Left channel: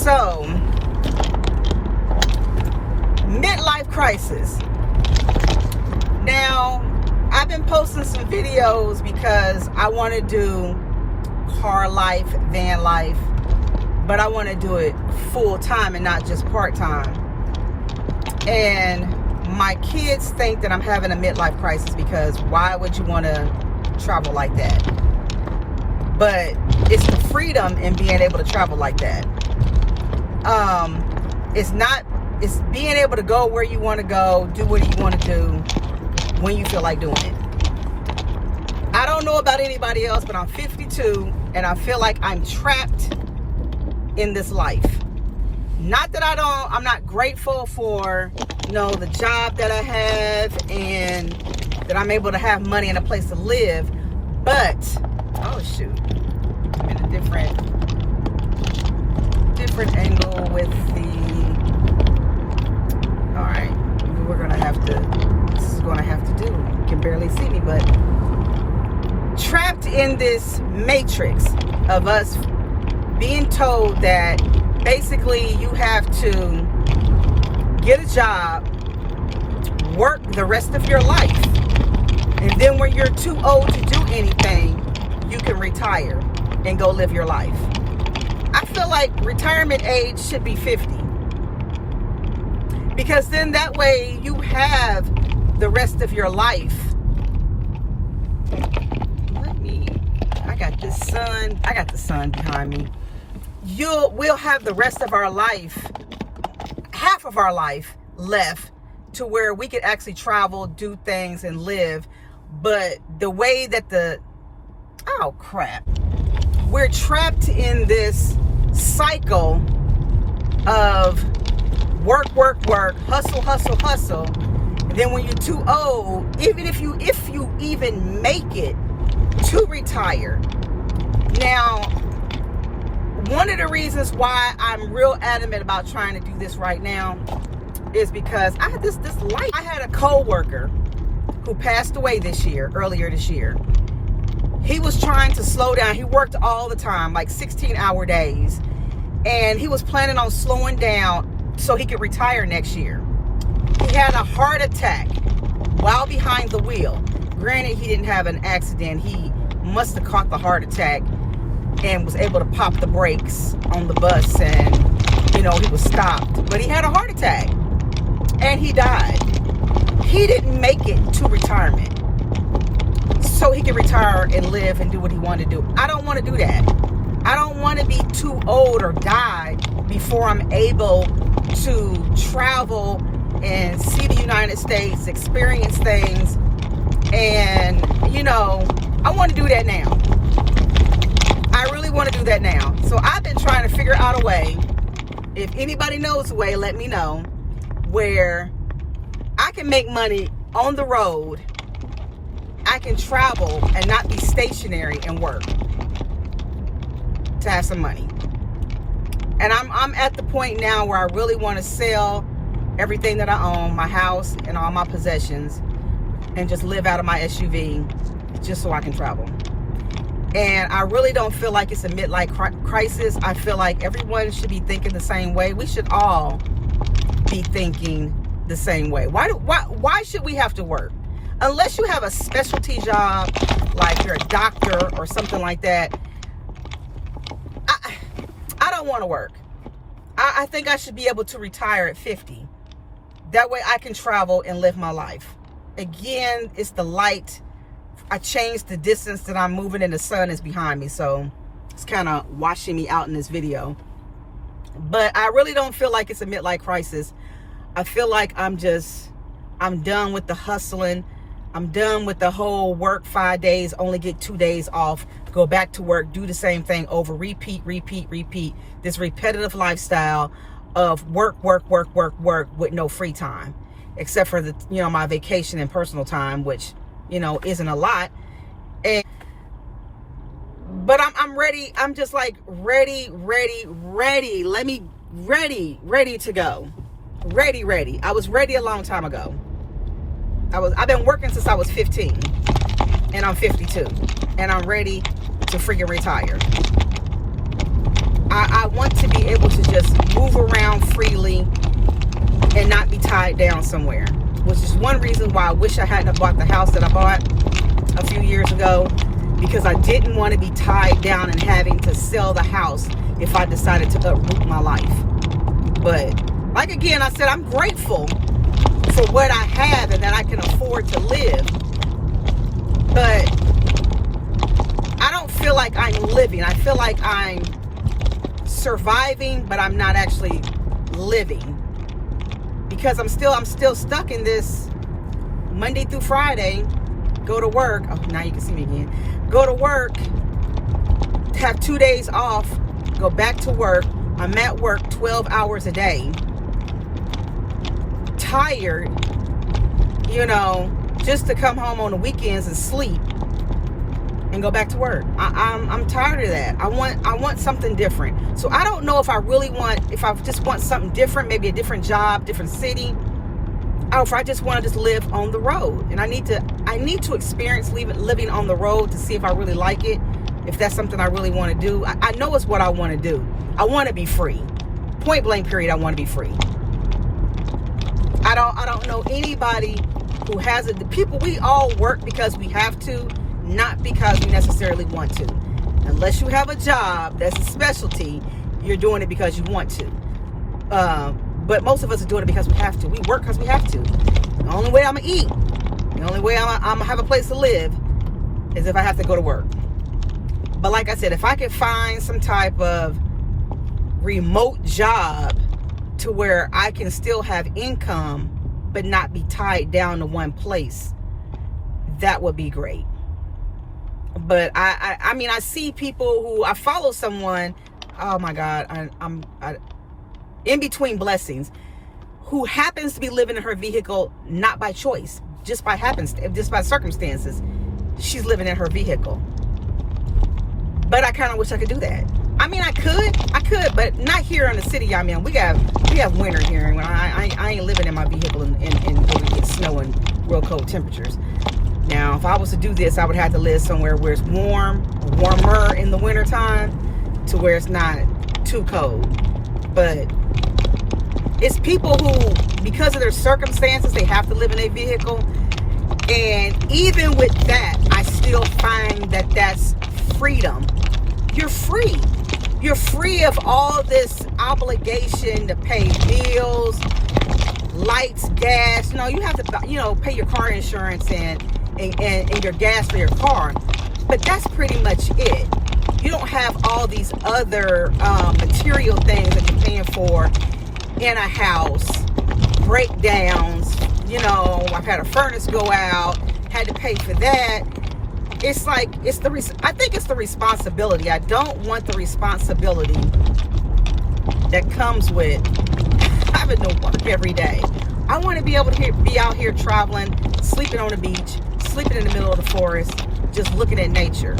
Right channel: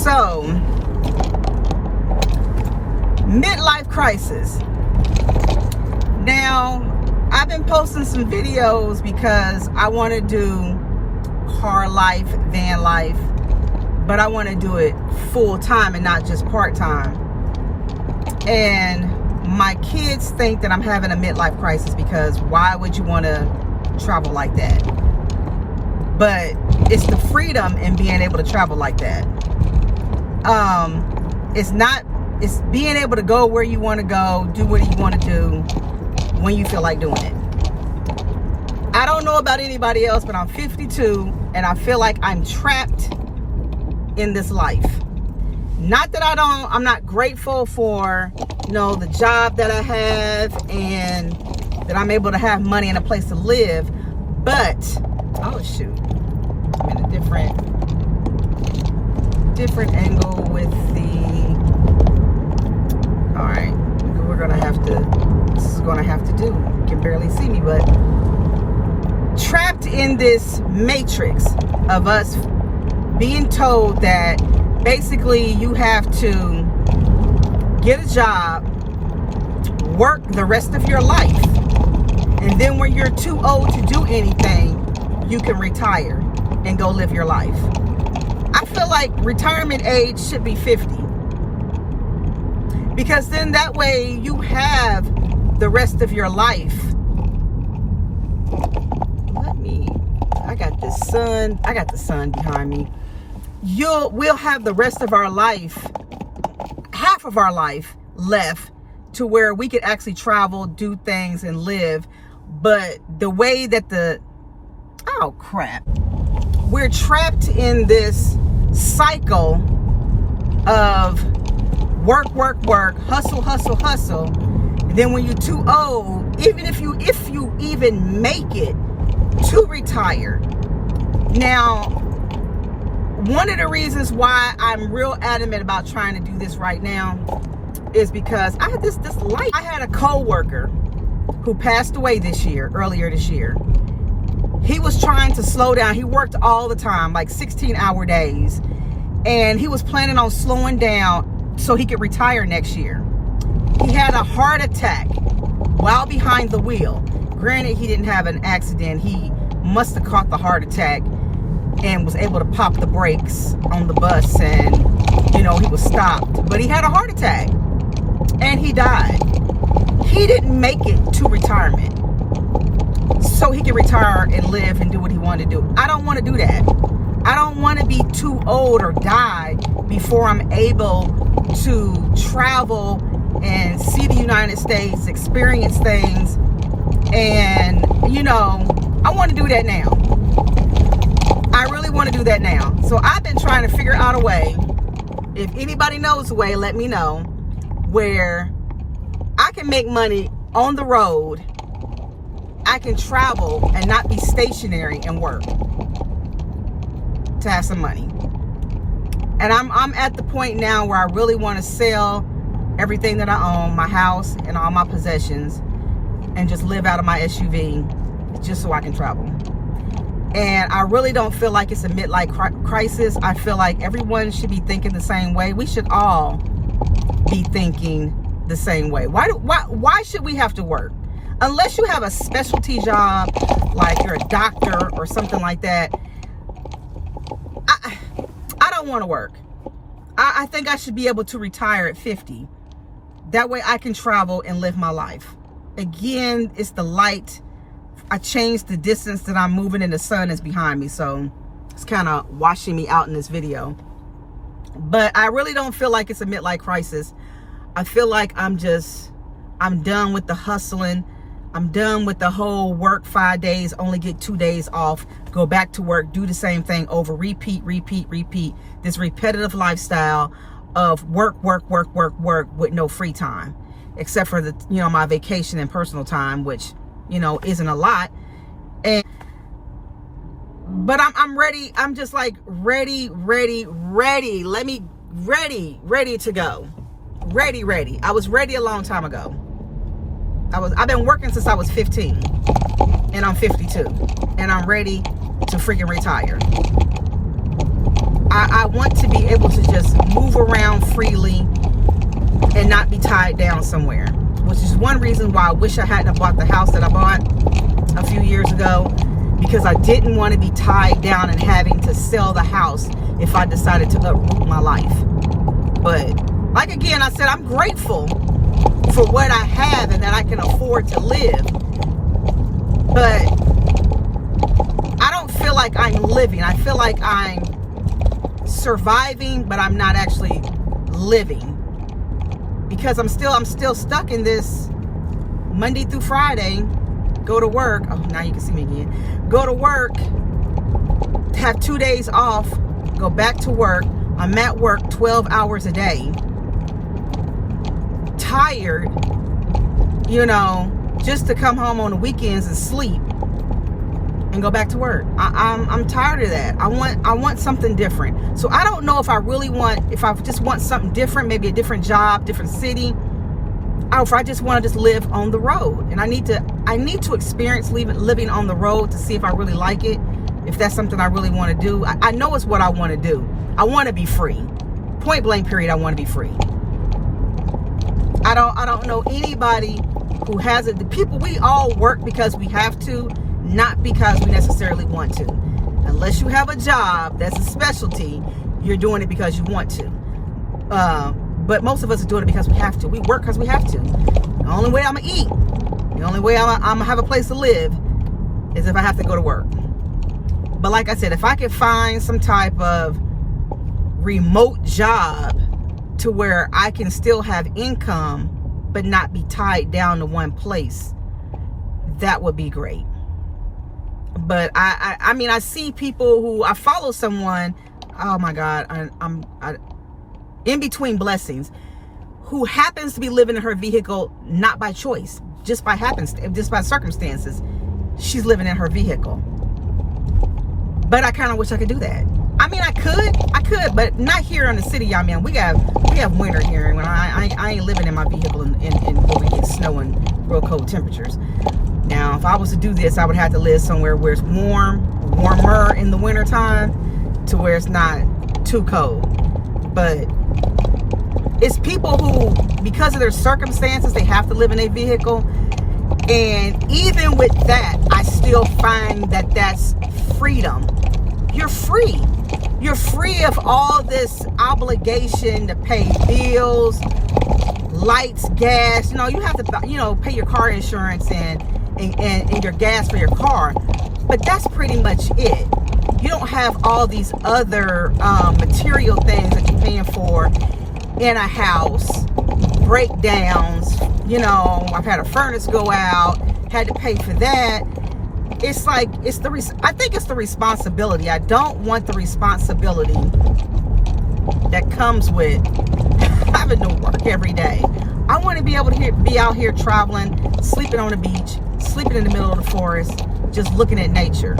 So, midlife crisis. Now, I've been posting some videos because I want to do car life, van life, but I want to do it full time and not just part time. And my kids think that I'm having a midlife crisis because why would you want to travel like that? But it's the freedom in being able to travel like that. It's being able to go where you want to go, do what you want to do when you feel like doing it. I don't know about anybody else, but I'm 52 and I feel like I'm trapped in this life. Not that I'm not grateful for, the job that I have and that I'm able to have money and a place to live, but, oh shoot, I'm in a different angle with the, all right, this is gonna have to do. You can barely see me, but trapped in this matrix of us being told that basically you have to get a job, work the rest of your life, and then when you're too old to do anything, you can retire and go live your life. I feel like retirement age should be 50. Because then that way you have the rest of your life. I got the sun behind me. We'll have the rest of our life, half of our life left to where we could actually travel, do things and live. But the way that we're trapped in this cycle of work, hustle. And then when you're too old, even if you even make it to retire. Now, one of the reasons why I'm real adamant about trying to do this right now is because I had this light. I had a co-worker who passed away earlier this year. He was trying to slow down. He worked all the time, like 16-hour days. And he was planning on slowing down so he could retire next year. He had a heart attack while behind the wheel. Granted, he didn't have an accident. He must have caught the heart attack and was able to pop the brakes on the bus and, he was stopped. But he had a heart attack and he died. He didn't make it to retirement so he could retire and live and do what he wanted to do. I don't want to do that. I don't want to be too old or die before I'm able to travel and see the United States, experience things. And, I want to do that now. I really want to do that now. So I've been trying to figure out a way. If anybody knows a way, let me know, where I can make money on the road. I can travel and not be stationary and work to have some money. And I'm at the point now where I really want to sell everything that I own, my house and all my possessions, and just live out of my SUV just so I can travel. And I really don't feel like it's a midlife crisis. I feel like everyone should be thinking the same way. We should all be thinking the same way. Why should we have to work? Unless you have a specialty job, like you're a doctor or something like that, I don't want to work. I think I should be able to retire at 50. That way I can travel and live my life. Again, it's the light. I changed the distance that I'm moving and the sun is behind me. So it's kind of washing me out in this video. But I really don't feel like it's a midlife crisis. I feel like I'm done with the hustling. I'm done with the whole work 5 days, only get 2 days off, go back to work, do the same thing over, repeat. This repetitive lifestyle of work with no free time, except for my vacation and personal time, which, isn't a lot. But I'm ready. I'm just like ready. Ready to go. Ready. I was ready a long time ago. I've been working since I was 15 and I'm 52 and I'm ready to freaking retire. I want to be able to just tied down somewhere, which is one reason why I wish I hadn't bought the house that I bought a few years ago, because I didn't want to be tied down and having to sell the house if I decided to uproot my life. But like again, I said, I'm grateful for what I have and that I can afford to live. But I don't feel like I'm living. I feel like I'm surviving, but I'm not actually living, because I'm still stuck in this Monday through Friday, go to work. Oh, now you can see me again. Go to work, have 2 days off, go back to work. I'm at work 12 hours a day, tired, just to come home on the weekends and sleep and go back to work. I'm tired of that. I want something different. So I don't know if I just want something different, maybe a different job, different city, or if I just want to just live on the road. And I need to experience living on the road to see if I really like it, if that's something I really want to do. I know it's what I want to do. I want to be free. Point blank period, I want to be free. I don't know anybody who has it. The people, we all work because we have to, not because we necessarily want to. Unless you have a job that's a specialty, you're doing it because you want to. But most of us are doing it because we have to. We work because we have to. The only way I'm going to eat, the only way I'm going to have a place to live is if I have to go to work. But like I said, if I could find some type of remote job to where I can still have income but not be tied down to one place, that would be great. But I mean, I see people who, I follow someone, oh my God, I'm in between blessings, who happens to be living in her vehicle, not by choice, just by circumstances. She's living in her vehicle. But I kind of wish I could do that. I mean, I could, but not here in the city I'm in. We have winter here, and I ain't living in my vehicle in snow and real cold temperatures. Now, if I was to do this, I would have to live somewhere where it's warmer in the winter time, to where it's not too cold. But it's people who, because of their circumstances, they have to live in a vehicle. And even with that, I still find that that's freedom. You're free. You're free of all this obligation to pay bills, lights, gas. You have to, pay your car insurance and your gas for your car. But that's pretty much it. You don't have all these other material things that you're paying for in a house, breakdowns. I've had a furnace go out, had to pay for that. It's like, I think it's the responsibility. I don't want the responsibility that comes with having to work every day. I want to be able to be out here traveling, sleeping on the beach, sleeping in the middle of the forest, just looking at nature.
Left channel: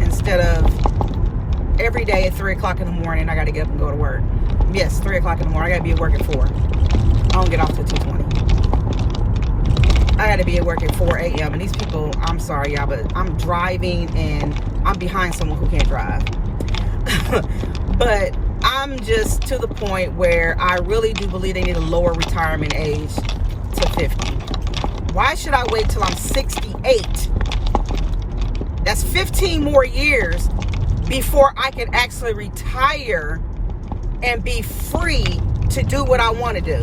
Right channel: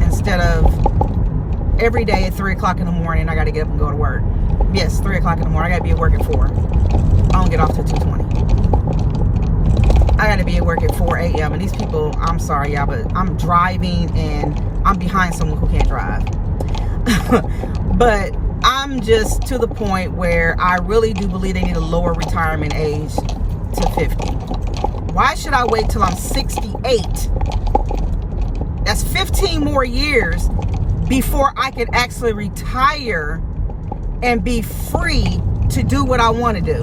Instead of every day at 3 o'clock in the morning, I got to get up and go to work. Yes, 3 o'clock in the morning. I got to be at work at 4. I don't get off till 2:20. I got to be at work at 4 a.m. And these people, I'm sorry, y'all, but I'm driving and I'm behind someone who can't drive. But I'm just to the point where I really do believe they need a lower retirement age to 50. Why should I wait till I'm 68? That's 15 more years before I can actually retire and be free to do what I want to do.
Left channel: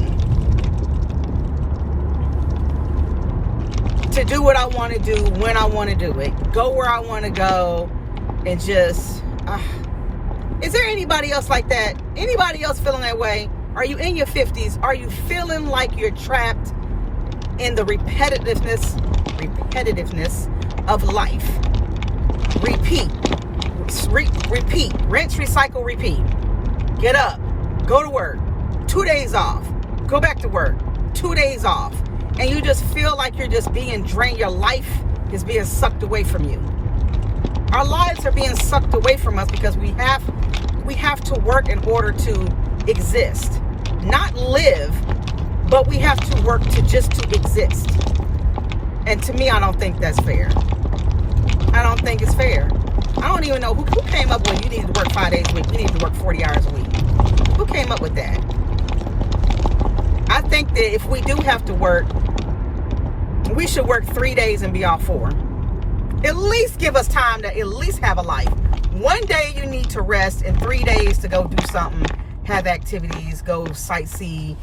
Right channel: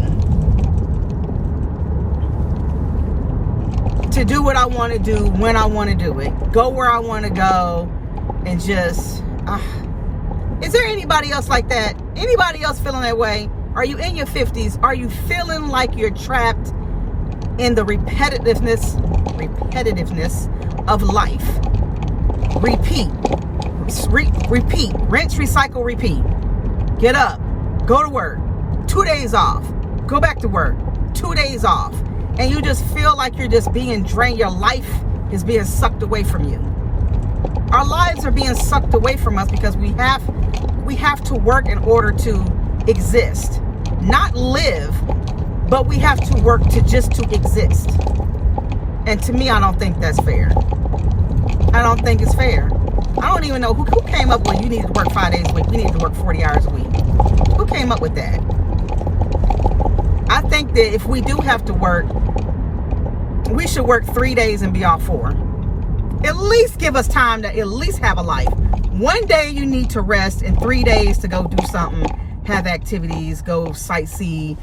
To do what I want to do when I want to do it. Go where I want to go and just... Is there anybody else like that? Anybody else feeling that way? Are you in your 50s? Are you feeling like you're trapped in the repetitiveness of life? Repeat. Repeat. Rinse, recycle, repeat. Get up. Go to work. 2 days off. Go back to work. 2 days off. And you just feel like you're just being drained. Your life is being sucked away from you. Our lives are being sucked away from us because we have to work in order to exist. Not live, but we have to work to exist. And to me, I don't think that's fair. I don't think it's fair. I don't even know who came up with you need to work 5 days a week. You need to work 40 hours a week. Who came up with that? think that if we do have to work, we should work 3 days and be off 4. At least give us time to at least have a life. 1 day you need to rest, and 3 days to go do something, have activities, go sightsee,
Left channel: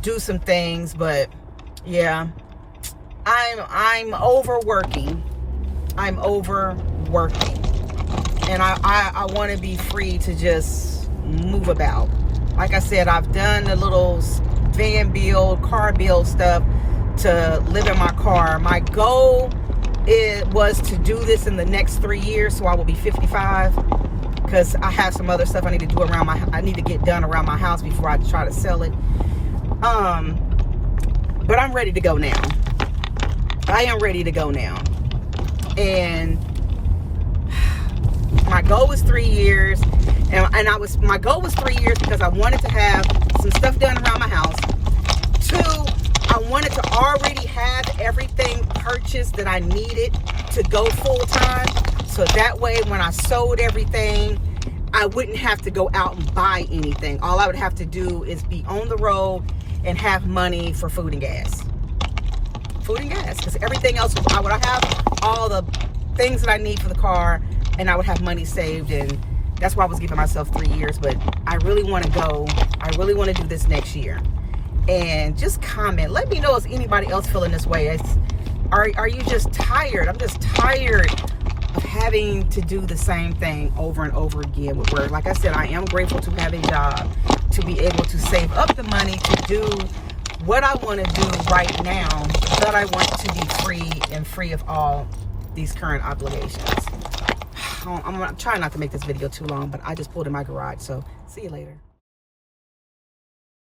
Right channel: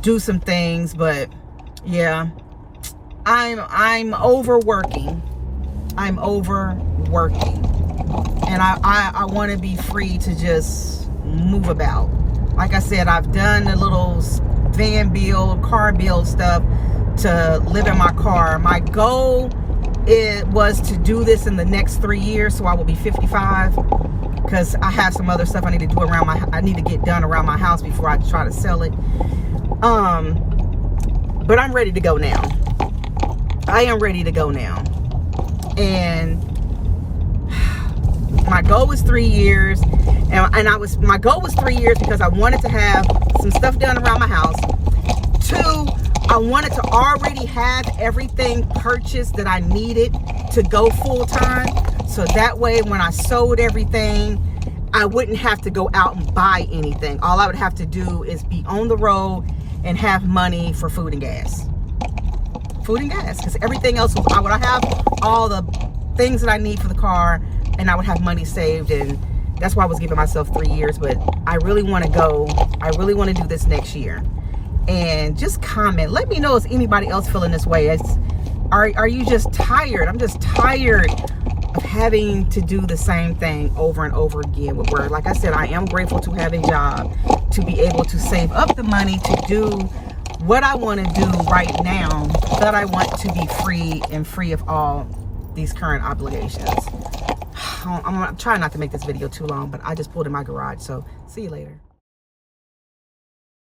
do some things. But yeah, I'm overworking. I'm overworking. And I want to be free to just move about. Like I said, I've done the little van build, car build stuff to live in my car. My goal was to do this in the next 3 years, so I will be 55, because I have some other stuff I need to do around I need to get done around my house before I try to sell it. But I'm ready to go now. I am ready to go now. And my goal was 3 years, and my goal was 3 years because I wanted to have some stuff done around my house. 2, I wanted to already have everything purchased that I needed to go full time, so that way when I sold everything, I wouldn't have to go out and buy anything. All I would have to do is be on the road and have money for food and gas. Food and gas, because everything else, I would have all the things that I need for the car, and I would have money saved. And that's why I was giving myself 3 years. But I really want to go. I really want to do this next year. And just comment. Let me know, is anybody else feeling this way? Are you just tired? I'm just tired of having to do the same thing over and over again with work. Like I said, I am grateful to have a job, to be able to save up the money to do what I want to do right now, but I want to be free of all these current obligations. I'm trying not to make this video too long, but I just pulled in my garage, so see you later.